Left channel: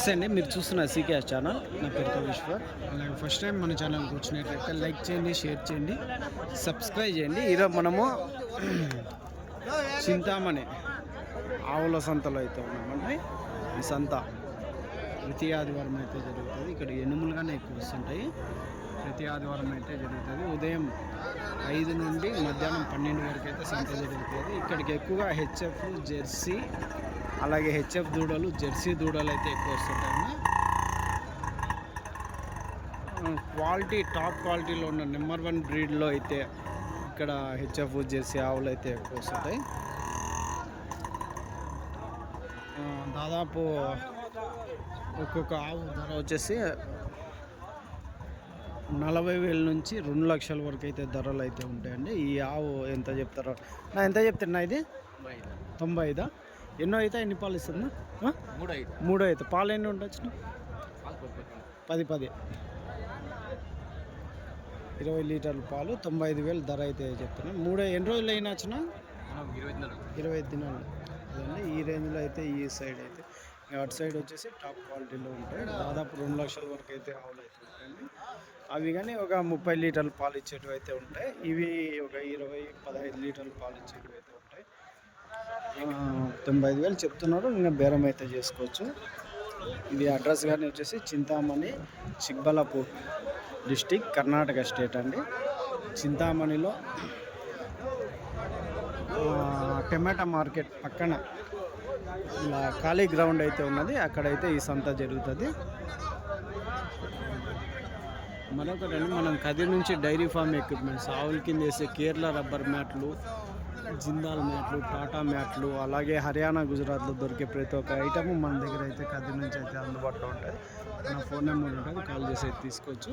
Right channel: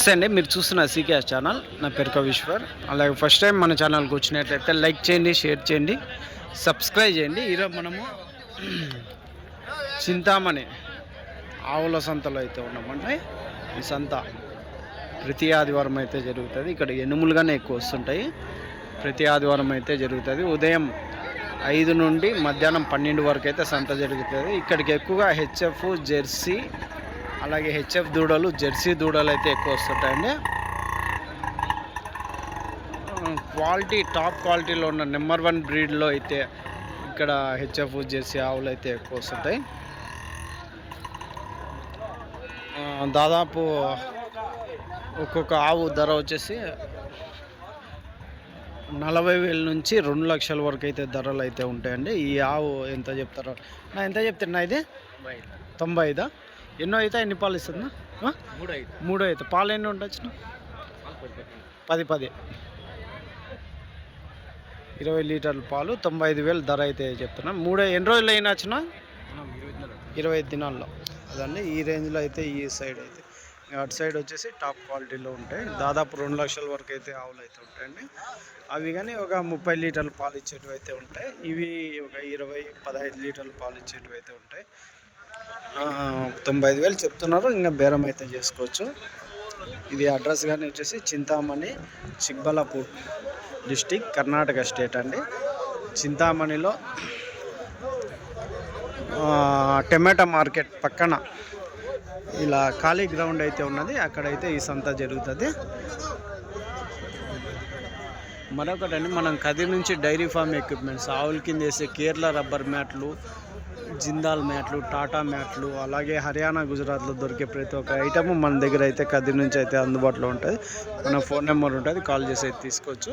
నమస్తే అండి, మీరు చూస్తున్న సీకేఎస్ ఛానల్. నా పేరు కవీశ్వర్. అలాగే ఫస్ట్ టైం మన ఛానల్కి వచ్చినట్లయితే లైక్ చేయండి, షేర్ చేయండి, సబ్స్క్రైబ్ చేయండి. ఈరోజు మనము చింతామణి ఆవుల సంతలో అయితే ఉన్నామంటే ఈ సంత ప్రతి ఆదివారం అయితే జరుగుతుంది. ఇక్కడ ఎనుములుగానే ఎక్కువ వస్తుంటాయి. ప్రతి ఆదివారం అయితే జరుగుతుంది. ఉదయం 5 నుండి మధ్యాహ్నం 12 వరకు అయితే సంత జరుగుతుంది. ఇక్కడికి ఎక్కువగా హెచ్ఎఫ్, జెర్సీ, అలాగే హెచ్ఎఫ్ దూడలు, జెర్సీ దూడలు అయితే ఎక్కువ వస్తుంటాయండి. క్వాలిటీ, టాప్ క్వాలిటీలో ఉన్న నెంబర్ 1 బ్రీడ్లో అయితే ఇక్కడ హెచ్ఎఫ్, జెర్సీ ఆవులు అయితే ఎక్కువ వస్తుంటాయి. దాదాపు ఒక్కొక్క ఆవు ధర వచ్చేసి 40,000 నుంచి 2 లక్షల వరకు అయితే ధరలు అయితే ఉంటాయండి. ఈ ఆవు ఎంత చెప్తారో ఎంత చెప్తున్నా, ఇది 95. ఎన్నో అయితే ఎన్ని పాలు ఇస్తుందా? 3 అయితే. పాలు ఎన్ని ఉండొచ్చు? 10 20 లీటర్ల పాలు, 95,000 ధర అయితే చెప్తున్నా. ఎన్ని రోజులు అయినా వచ్చినా? 25 దినాల్లో. అదండి ఈ రేంజ్లో అయితే ఈ సైడ్ అయితే. అటు సైడ్ వచ్చేసి టాప్ క్వాలిటీలో ఉంటాయి. దాదాపు 2 లక్షల వరకు అయితే ఆవులు అయితే ఉంటాయండి. అవి కానీ ఒక 30 లీటర్ల పాలు ఇచ్చేటివి అయితే ఉంటాయి. ఇవి ఒక 15 లీటర్ల పాలు ఇచ్చేటివి అయితే ఉంటాయి. 95,000 చెప్తున్నారు. ఇంకా బేరం అయితే చేసుకోవచ్చు. ఇది అడ్రస్ కానీ వచ్చేసి చింతామణి, చిక్బల్లాపూర్ డిస్టిక్, కర్ణాటక స్టేట్ అండి. చింతామణిలో టమాటా మార్కెట్ పక్కన ఇలా ఖాళీ గ్రౌండ్ అయితే ఉన్నది. అక్కడైతే ఈ సంత జరుగుతుంది. మరొకటండి, మనం కదిరి నుంచి డైరీ ఫామ్ ఎక్విప్మెంట్స్, ఆవుల కింద వేసే కేరళ రబ్బర్ మ్యాట్లు, జిందాల్ మ్యాట్లు, టాటా మ్యాట్లు, అలాగే హర్యానా, గుజరాత్లో దొరికే ప్రతి ఒక్క ఐటమ్ మన దగ్గర అయితే కదిరి నుంచి అయితే అందుబాటులో ఉంటుంది. మన ఫోన్ నెంబర్ ఉంటుంది, కాల్ చేసి అయితే తీసుకోవచ్చు.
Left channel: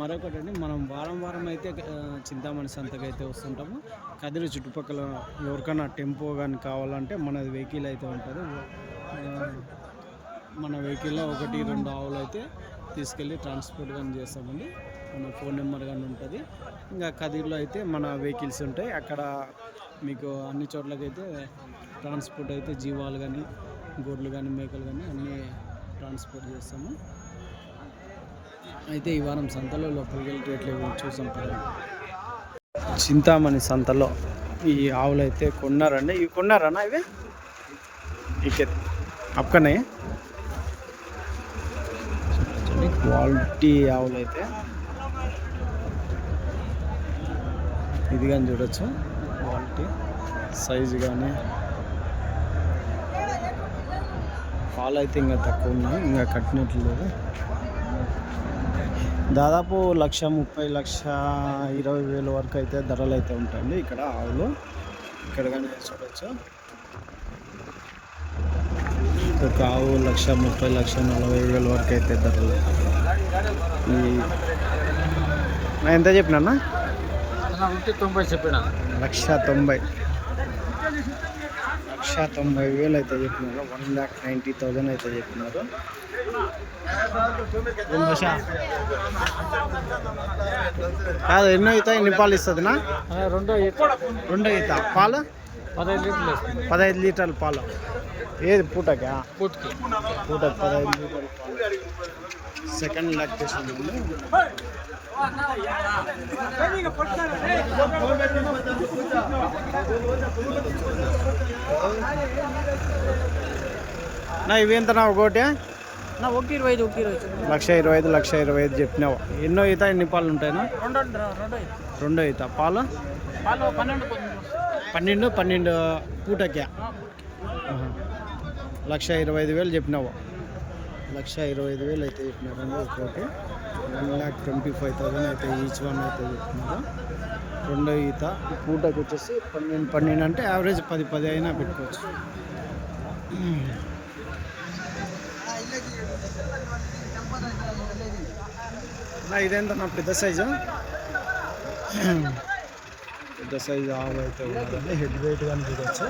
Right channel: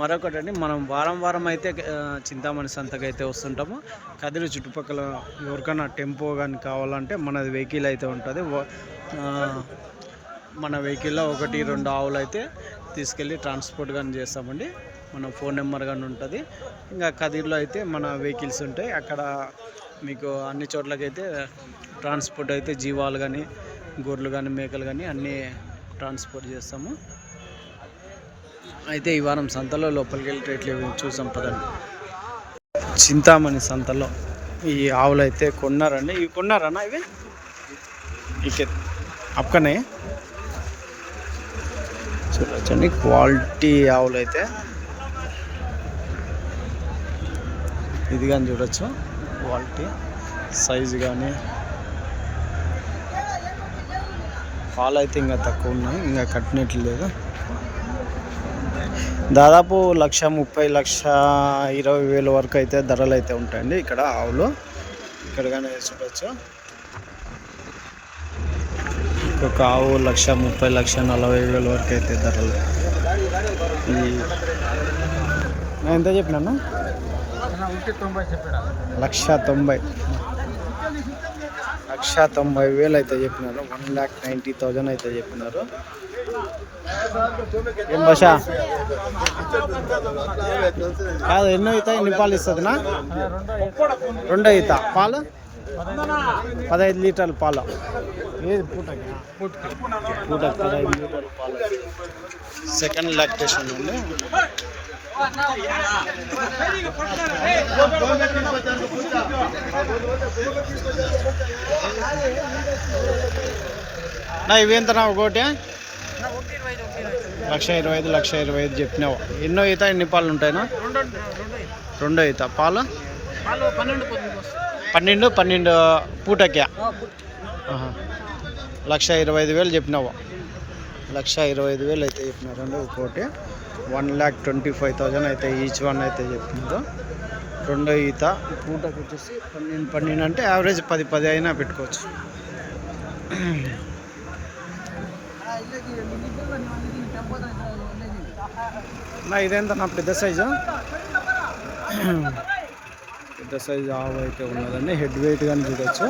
మరొకటండి, మనం వారం అయితే చింతామణి సంతకు అయితే వస్తుంటాము. కదిరి చుట్టుపక్కల ఎవరికైనా టెంపో కానీ కావాలంటే మనది వెహికల్ అయితే ఉంటుంది. మన వెహికల్లో 1-2 ఆవులు అయితే తీసుకెళ్ళి ట్రాన్స్పోర్ట్ కానీ చేస్తామండి. మన ఫోన్ నెంబర్ కానీ ఉంటుంది. ఇంకా కదిరిలో అయితే మన వెహికల్స్ ఉంటాయి. అక్కడ మీకు అన్ని చోట్లకైతే ట్రాన్స్పోర్ట్ అయితే జీవాలు కానీ, గొర్రెలు కానీ, మేకలు కానీ అన్నీ ట్రాన్స్పోర్ట్ చేస్తాము. అయితే ఈ వారం సంతలో లోపలికి వెళ్ళి రేట్లు చూసాం పదండి. చింతామణి సంతలో ఈ ఆవులు అయితే కొన్నారండి. ఇవి కొన్నారన్నా? ఇవి ఇక అక్కనే చూడొచ్చండి. క్వాలిటీ ఆవులు అయితే ఇది కానీ చూడొచ్చు. క్వాలిటీ, సైజు కానీ, పాలు అయితే ఇంకా తక్కువ ఉన్నాయి, ఇంకా కట్టినట్లు లేదు. దాదాపు 1,30,00,000-1,20,000 వరకు అయితే ధరలు అయితే ఉంటాయండి ఇక్కడ ఆవులు. ఇక్కడ కానీ చూడొచ్చు. ఒక ఆవు 1,30,00,000-1,40,000 వరకు అయితే ధరలు. ఈ నా ఎంత చెప్పినా? 1,90,000 చెప్పిన. 1,90,000 అయితే చెప్పినారు. 1,90,000 అయితే చెప్పినారు. ఏం భాష కాదు. ఎన్నో అవుతాయి? ఎన్ని పాలు ఇస్తుందినా? 2 అవుతా. పాలు 15 లీటర్ల పాలు. ఏది పూటకా? పూటకి 15 లీటర్ల పాలు. సెకండ్ లాక్టేషన్ అండి. నా ఇవేంతనా ఒకటి? 1,25,000 చెప్పినావు. ఎన్నో అవుతా? ఎన్ని పాలు ఉంటాయినా? 2 అవుతా. పాలు 12 పూటకి. 1,25,000 చెప్పినావు. 1,25,000 అయితే చెప్పినారండి ఒక్కోటి. 1,25,000 అయితే ఈచ్ వన్ అయితే చెప్పినారు. 2 ఈత పూటకు వచ్చేసి 12 అంటే యావరేజ్ 10 అయినా పెట్టుకోవచ్చు. నా ఇదేంత? నా పెద్ద సైజు ఆవు అయితే ఉన్నదండి. హెడ్ వెయిట్ కానీ చూడవచ్చు.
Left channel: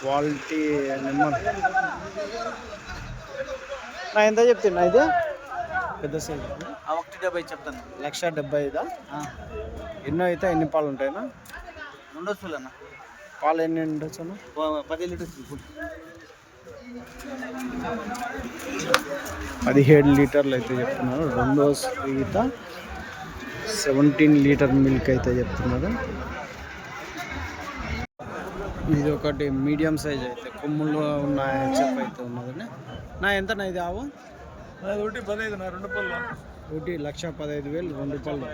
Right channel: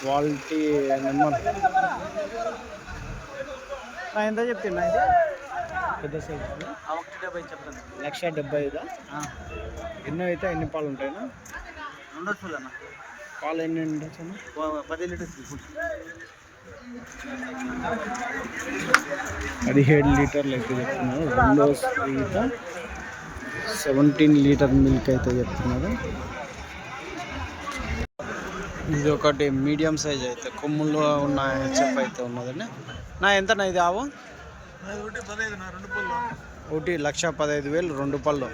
Quality number. నా ఎంత చెప్తున్నా? ఇది పెద్ద సైజు 1,70,000 చెప్తాను. 1,75,000. ఎన్నో అయితే ఎన్ని పాలు ఉంటాయినా? ఉండొచ్చు. పాలు ఎన్ని ఉండొచ్చు? 10 లీటర్స్. పదిహేడు లీటర్లు అయితే చెప్తున్నారు. రెండో ఈత 17 లీటర్ మిల్క్ అయితే చెప్తున్నారు. ఇది ఒకటి మీడియం సైజ్ అయితే కొమ్ముల్లో ఉన్న హెచ్ఎఫ్ అయితే ఉన్నదండి. నా ఎంతనా ఇది ఆవు? ఒకటి 1,15,000 రెండు పళ్ళు.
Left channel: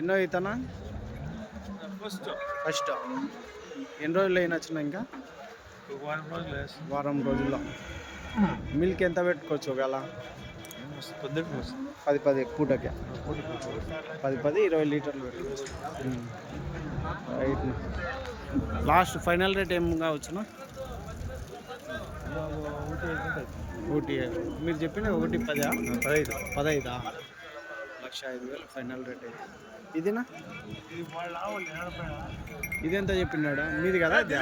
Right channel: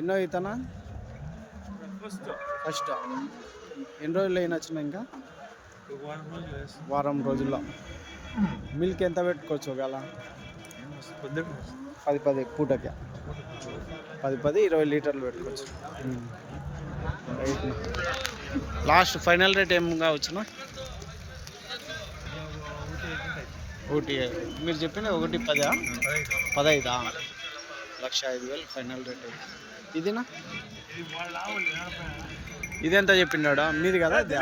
ఎన్నో ఈతనా? ఫస్ట్. ఎన్ని రోజులు అయినా వచ్చినా ఇంకా వారం రోజుల్లో. మిల్క్ ఎంత పెట్టుకోవచ్చు ఒకవేళ? 10 పూటకి 20 లీటర్లు పెట్టుకోవచ్చు. రైట్. లాస్ట్ ఫైనల్ రేట్ ఏం కావచ్చునా? ఒకటి మీరు చెప్పిన 1,10 15 1,05,000 ఫైనల్ రేట్ అయితే. ఇదినా ఇదెంత చెప్పినాడా? మీది కదా ఇది?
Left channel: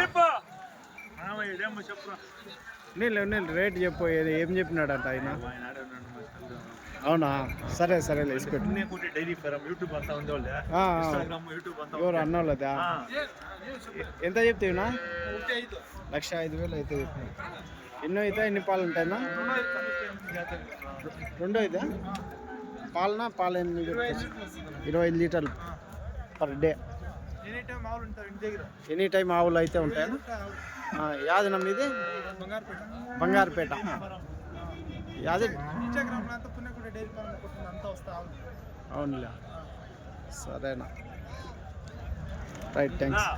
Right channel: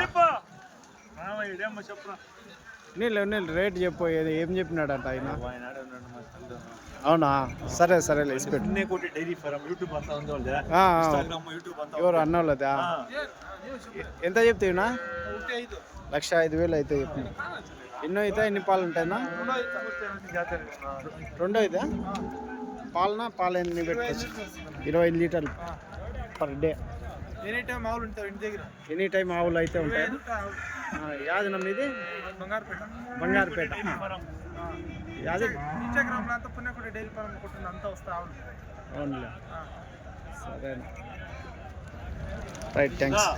నీళ్ళు రేట్ చెప్పు. ఏం చెప్పినాడంట ఆయన? అవునా? సరేలే ఇసిపెట్టు. ఎవరు అన్నోళ్ళదా? ఎంత చెప్తావునా? 1,05,000 అయితే చెప్పినావు. ఎన్నో అయితే ఎన్ని పాలు ఉంటాయినా? రెండో అయితే పాలు ఎన్ని పెట్టుకోవచ్చు? 25 లీటర్లు పర్ డే. ఎనీ టైం ఆవులు అయితే ఉంటాయి. యాది నమ్మ ఇది? బంగారుపేట. యాది అవునులే. సరేనా, రైట్, థ్యాంక్స్.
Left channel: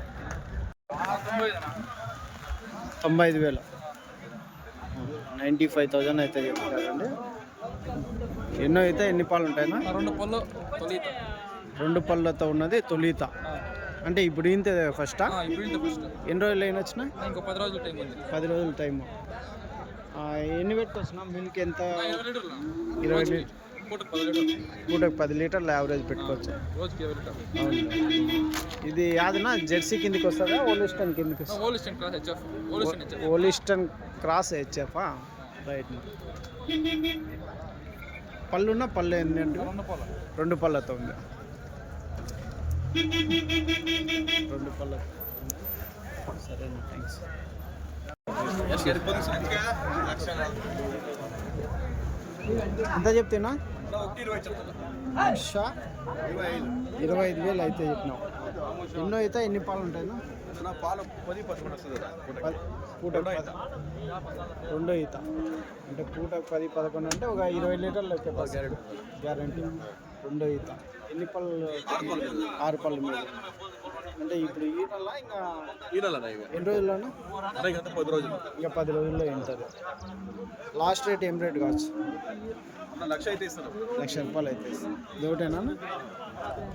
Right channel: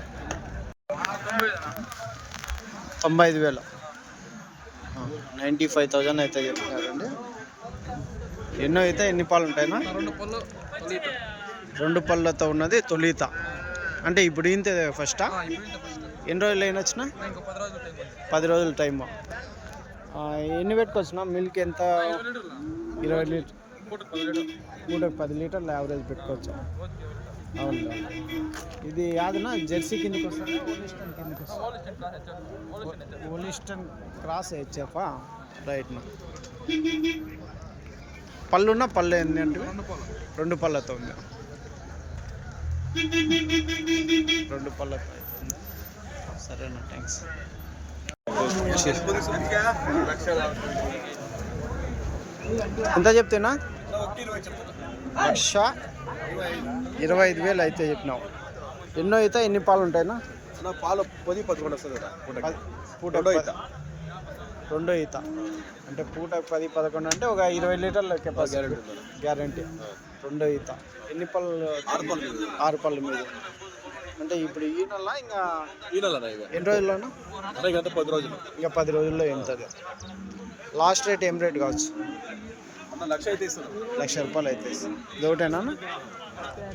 95,000 95,000 అయితే చెప్తారండి. ఎన్నో అయితే ఎన్ని పాలు ఉంటాయినా? రెండు పళ్ళతో ఉన్నది తొలిత. అంటే ఇప్పుడు ఇంతే ఫస్టా? ఎన్ని రోజులు అయినా వచ్చినా? 10 రోజుల టైమ్. ఎన్ని పెట్టుకొచ్చినా? మిల్క్ ఎంత? 20 లీటర్. పూటకు 10 లీటర్లు యావరేజ్ పెట్టుకోవచ్చు. అవును. ఇది యాదనా జెర్సీ కిందికి వస్తుందా? ఓలిస్టన్ కిందికి వస్తుంది? ఓలిస్టన్ క్రాస్ హెచ్ఎఫా? రైట్నా. పళ్ళున్న పళ్ళు ఎన్ని అంటే? రెండు పళ్ళతో ఉంది. రెండు పళ్ళతో. సరేనా, థ్యాంక్స్. ఎంత చెప్తేనా? 1,25,000 అయితే చెప్పినావు. ఎన్నో అయితే ఎన్ని పాలు ఉంటాయినా? పాలు 10-11 వస్తుంది. పూట రెండో ఈత అంటే పూట 10-11 అంటే ఒక 20 లీటర్ల కెపాసిటీ గ్యారంటీ. రెండో ఈత. ఎన్ని పళ్ళు? 6 పళ్ళు మీద. అంటే ఇప్పుడు ఈ నెల ఇంకా ఎన్ని రోజుల్లోనా? 10 రోజులు. ఇంకా 10 రోజుల్లో ఎంతది? లాస్ట్ రేట్ ఏం రేట్ కావచ్చు? 1,00,000 అయితే ఇస్తాను. 1,00,000 రూపాయలు అయితే ఇస్తాను. ఇది ఒకటేనా?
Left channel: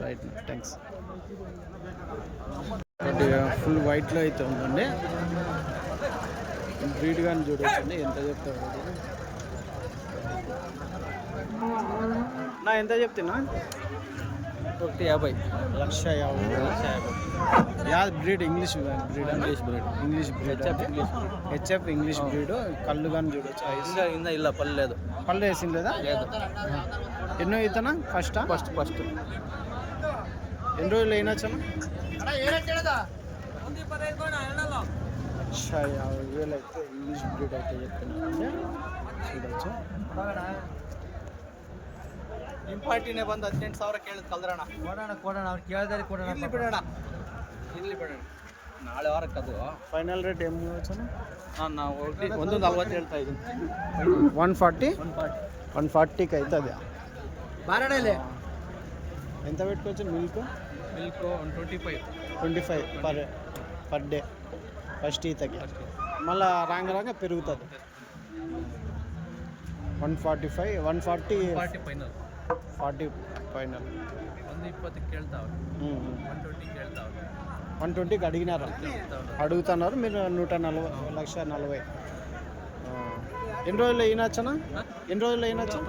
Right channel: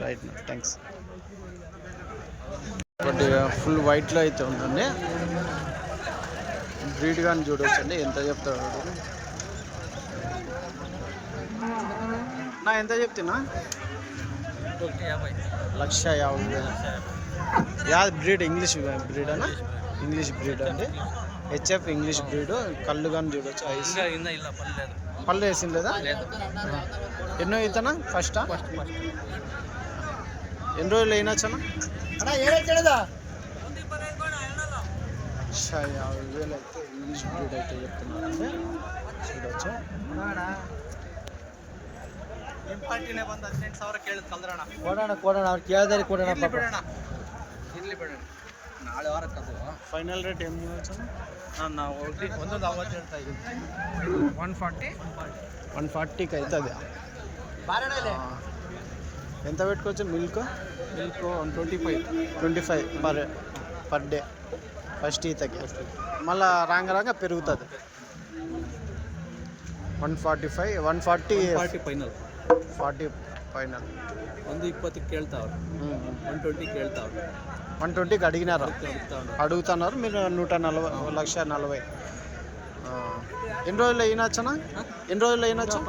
రైట్ నా, థ్యాంక్స్. ఒకటి ఫుల్ వైట్లో అయితే ఉందండి. బ్రీడ్ కానీ చూడవచ్చండి. ఎంత చెప్తాడు నా? ఎంత చెప్తున్నా? 1,50,000. 1,50,000. యాది బ్రీడ్? ఇంగ్లీష్ బ్రీడ్ అన్న? ఇంగ్లీష్ బ్రీడ్ అంటే హెచ్ఎఫ్ ఇంగ్లీష్ బ్రీడ్. కళ్ళు కానీ చూడవచ్చు. ఐస్ ఇలా పళ్ళు లేదు. పళ్ళు వేసింది లేదా? ఎన్నో ఇతనా? ఫస్టా? ఫస్ట్. ఎన్ని రోజులు అయినొచ్చనా? 1,50,000 అయితే ఇంగ్లీష్ బ్రీడ్ అయితే చెప్తున్నారంటే చూడవచ్చు. ಇಂಪಾರ್ಟಿನೇ ಬಂದು 18,000 ಕೇಳಿದ್ ಕಲ್ದ್ರಣ ಕೊಡೋಣ ಅವ್ರು ಕೇಳಿದ್ರೆ ಕೊಡೋಣ ಇಲ್ಲಿ ಬಿಡೋಣ ನಾಳೆ ವಾರಕ್ಕೆ ಅದು ಫೈನಲ್ ರೇಟ್ ಏನು వచ్చాను? ನಾನು 140 ಹೇಳ್ತಾ ಇದ್ದೀನಿ. 140కి అవుతుంది. ఎంత పెట్టుకోవచ్చు? మిల్క్ 25 పర్ డే ఫస్ట్ ఈతకి. మళ్ళీ రాంగ పెరుగుతుంది. 145 140 ಫೈನಲ್ 40 ಫೈನಲ್. 120కి ಕೇಳ್ತಾವ್ರು. 120కి ಕೇಳ್ತಾವ್ರು. 120కి అడుగుతున్నారు మీరు. 140. ఎన్ని రోజులు అయినొచ్చనా? ఎన్ని రోజులు అయినొచ్చు?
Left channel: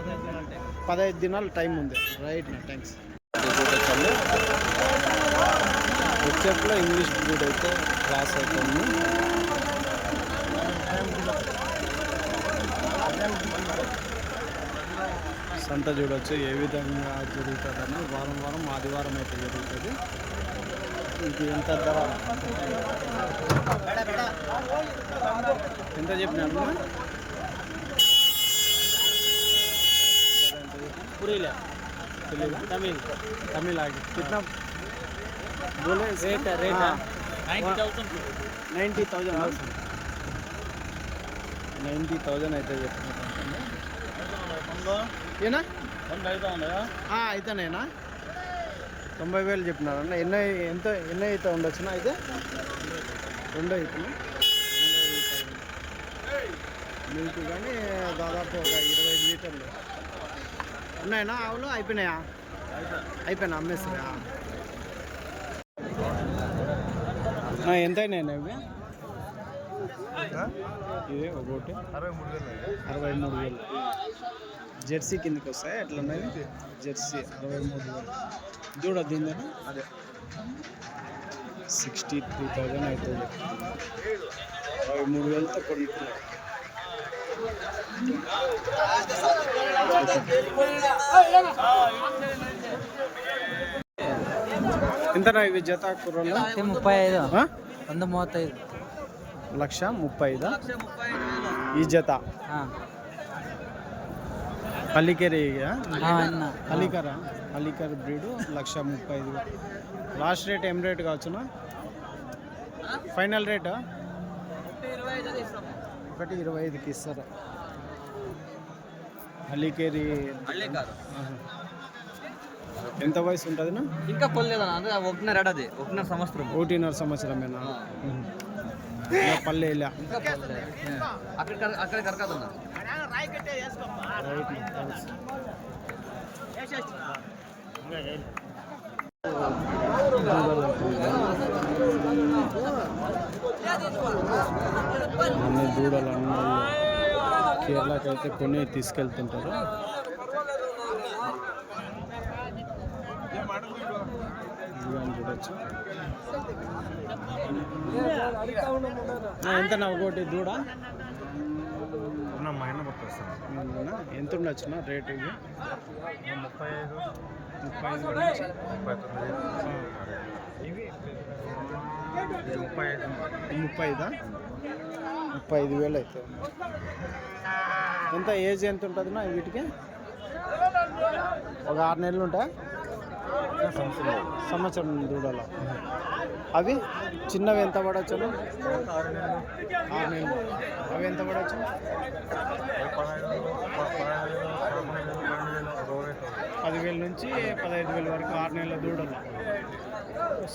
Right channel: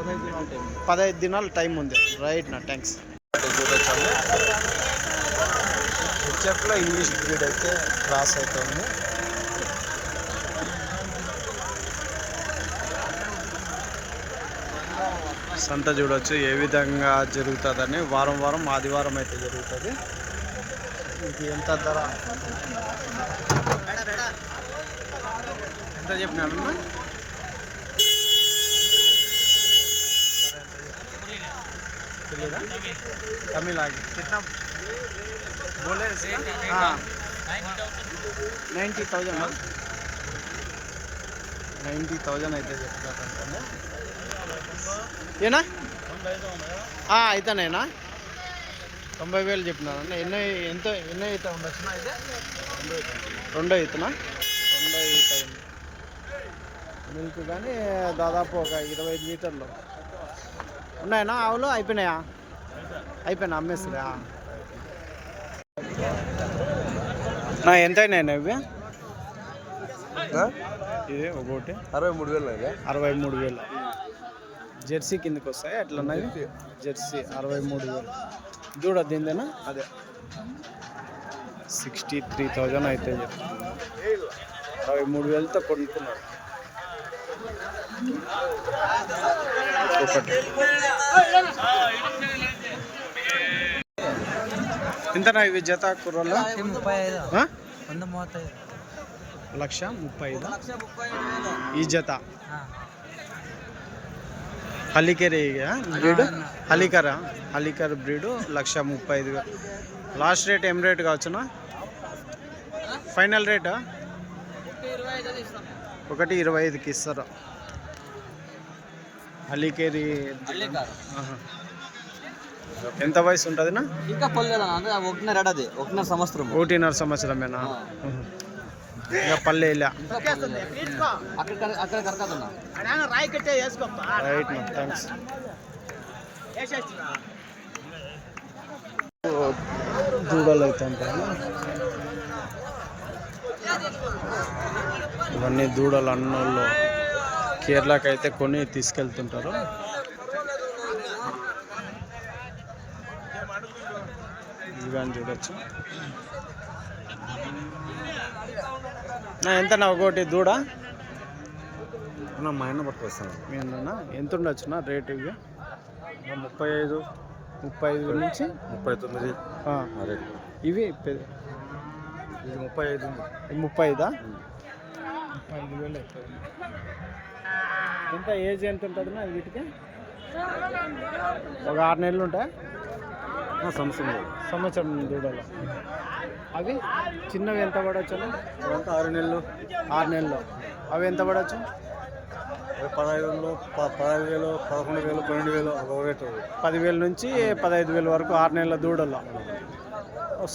15 దినాలు టైం ఉంది. రైట్ నా, థ్యాంక్స్. చూడొచ్చండి. హెచ్ఎఫ్లో ఇంగ్లీష్ బ్రీడ్ అయితే క్రాస్ అయితే ఉంది. సంత చూడవచ్చు ఏ విధంగా జరుగుతుందని. వారం ఆదివారం అయితే జరుగుతుంది. ఇది ఎంత ధర? ఎంత చెప్పినారు चलेगा तमिल आगे कितना बोले हाँ 90,000 90,000 అయితే చెప్తున్నారంటే ఏనా అయితేనేనా 90,000 చెప్పినారన్న ఎన్నో అయితే ఉండొచ్చునా అయితే 2 అవుతున్నా 2 అవుతాయి మిల్క్ కానీ దాదాపు ఒక 25 లీటర్లు ఉన్నాయనా ఆవులు అయిపోయినాయా అయిపోయినా అమ్మేస్తారా నా ఎంత అయినాయి ఇవి ఇది ఒకటి 63,000 జెర్సీ కిందకి వస్తాయి ఎట్లా ఇవి జెర్సీ 63,000 దూడ దీందేనా అదే 63,000 అయితే చెప్తుంది 63,000తో కొనుక్కున్నారు ఒకటి ఎంతనా ఇవి జత కూరల్లో 1,35,000 ఈ జత హలికేరి బ్రీడ్ హలికర్ బ్రీడ్ 1,35,000 లాస్ట్ రేట్ ఏం రేట్ కావచ్చునా ఫైనల్ రేటా 1,25,000కి ఇస్తారు హలికేరి ఎంత వయసు ఉంటుందినా ఇంకా పల్లెదా 1.5 సంవత్సరం 1.5 సంవత్సరమేనా ఇంకా పల్లె అక్కడ కరకదన్నా రైట్ నా థ్యాంక్స్ దూడలు అయితే ఇవన్నీ దూడలు అన్నోళ్ళు కేరళకి అయితే కొని తీసుకెళ్తుంటారు ఇవి కానీ చూడొచ్చు ఎంతనా ఒకటి దూడ మా ఆయన పట్టుకొస్తాను మీనా ఎంత ఉండొచ్చునా రేట్ ఇవి 35 నుంచి 39 ఇవి 35,000 అవుతుంది ఎంత ఏజ్ ఎంత ఉంటుందినా వీటికి ఒక 6 నెలలు ఉంటాయా సంవత్సరం దూడలో అవి చిన్నవి ఎంత పడవచ్చు 6 నెలలు 6 నెలలు అవి ఎంత పడవచ్చు 10,000 నుంచి 15,000 వరకు 6 నెలల దూడలు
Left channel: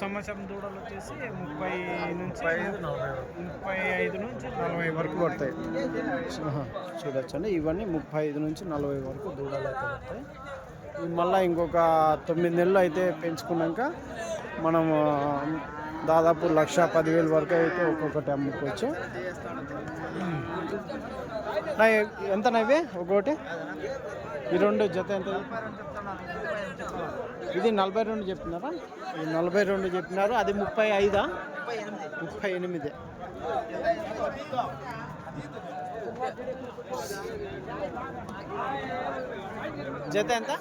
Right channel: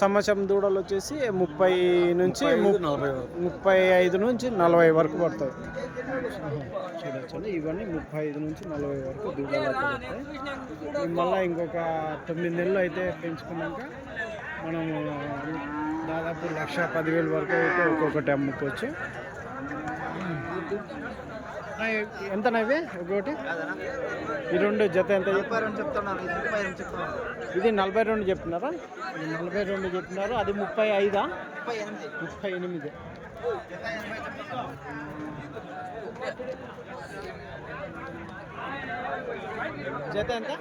సంవత్సరం దూడలు వచ్చేసి 35 నుంచి 40 వరకు పడతాయి చూడొచ్చండి ఇవన్నీ 35 నుంచి 40 వరకు దూడలు అయితే పడతాయి ఇవి మళ్ళీ ఇంకొక 9 నెలలు అయితే పెంచుకున్నాక మనము దాదాపు 1,10,000 వరకు అయితే ఒక్కొక్కటి అమ్ముకోవచ్చు ఎంతనా ఇవి ఒకటి ఈ రెండు జత ఎంత ఇది 42 చెప్తున్నారా ఇది 42 చెప్పినారు అది 35 38 జత ఎంత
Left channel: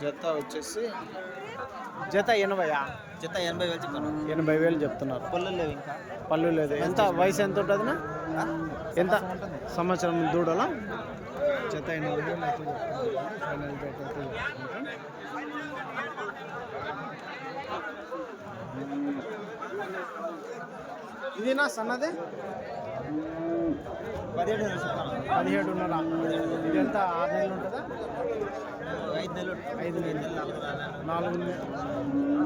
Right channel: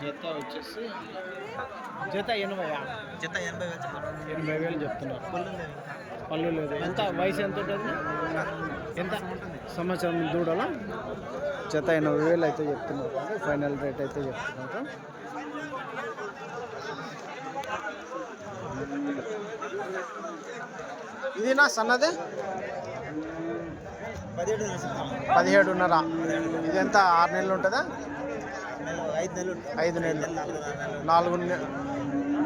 జత వచ్చేసి జత 80,000 చెప్తున్నారు పళ్ళు లేదు ఎంత వయసు ఎంత ఉంటుంది ఎంత సంవత్సరం దూడలా జత 80,000 అయితే చెప్తున్నారు ఫైనల్ రేట్ అయితే చెప్తున్నారు ఇది నా సన్నదే 17.5 ఇది ఎంత 6 నెలలు ఉంటుందా 5 నెలలు 4 నెలలు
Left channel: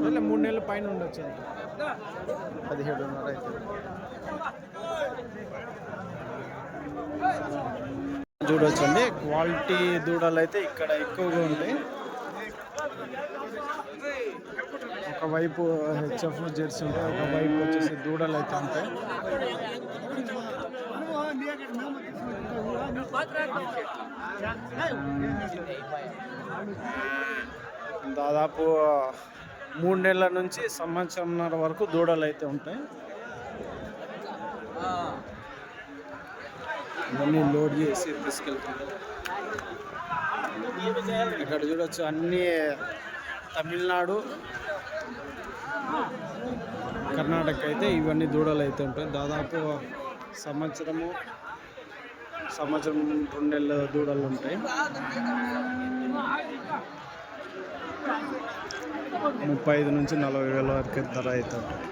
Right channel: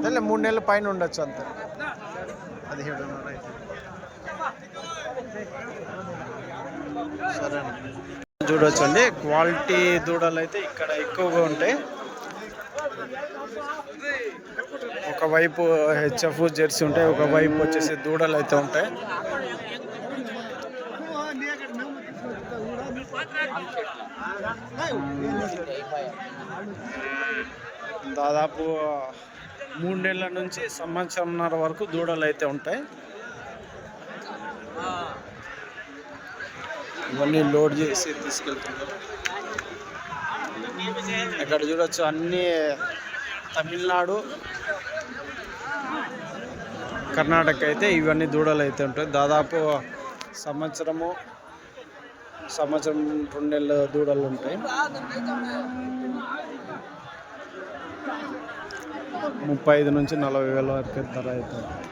3 నెలల పైన ఉండొచ్చు అంతే 17.5 అయితే సరే చూడొచ్చండి క్వాలిటీ దూడలు అయితే ఇక్కడ ఎక్కువగా ఉంటాయి ఒకవైపు హెచ్ఎఫ్ జెర్సీ ఉంటాయి ఒకవైపు వచ్చేసి దూడలు అయితే ఉంటాయి దాదాపు 3 నెలల నుంచి సంవత్సరంన్నర వరకు దూడలు అయితే ఉంటాయి ఇవన్నీ లోడ్ చేసి తీసుకెళ్తున్నారు ఇక్కడ చూడొచ్చు అన్ని తమిళనాడు, కర్ణాటక అయితే ఇవన్నీ దూడలు అయితే ఉంటాయి. దాదాపు సంవత్సరం 2 నెలల దూడలు ఉంటాయి. 35 నుంచి 40 వేల వరకు ధర అయితే ఉంటుంది.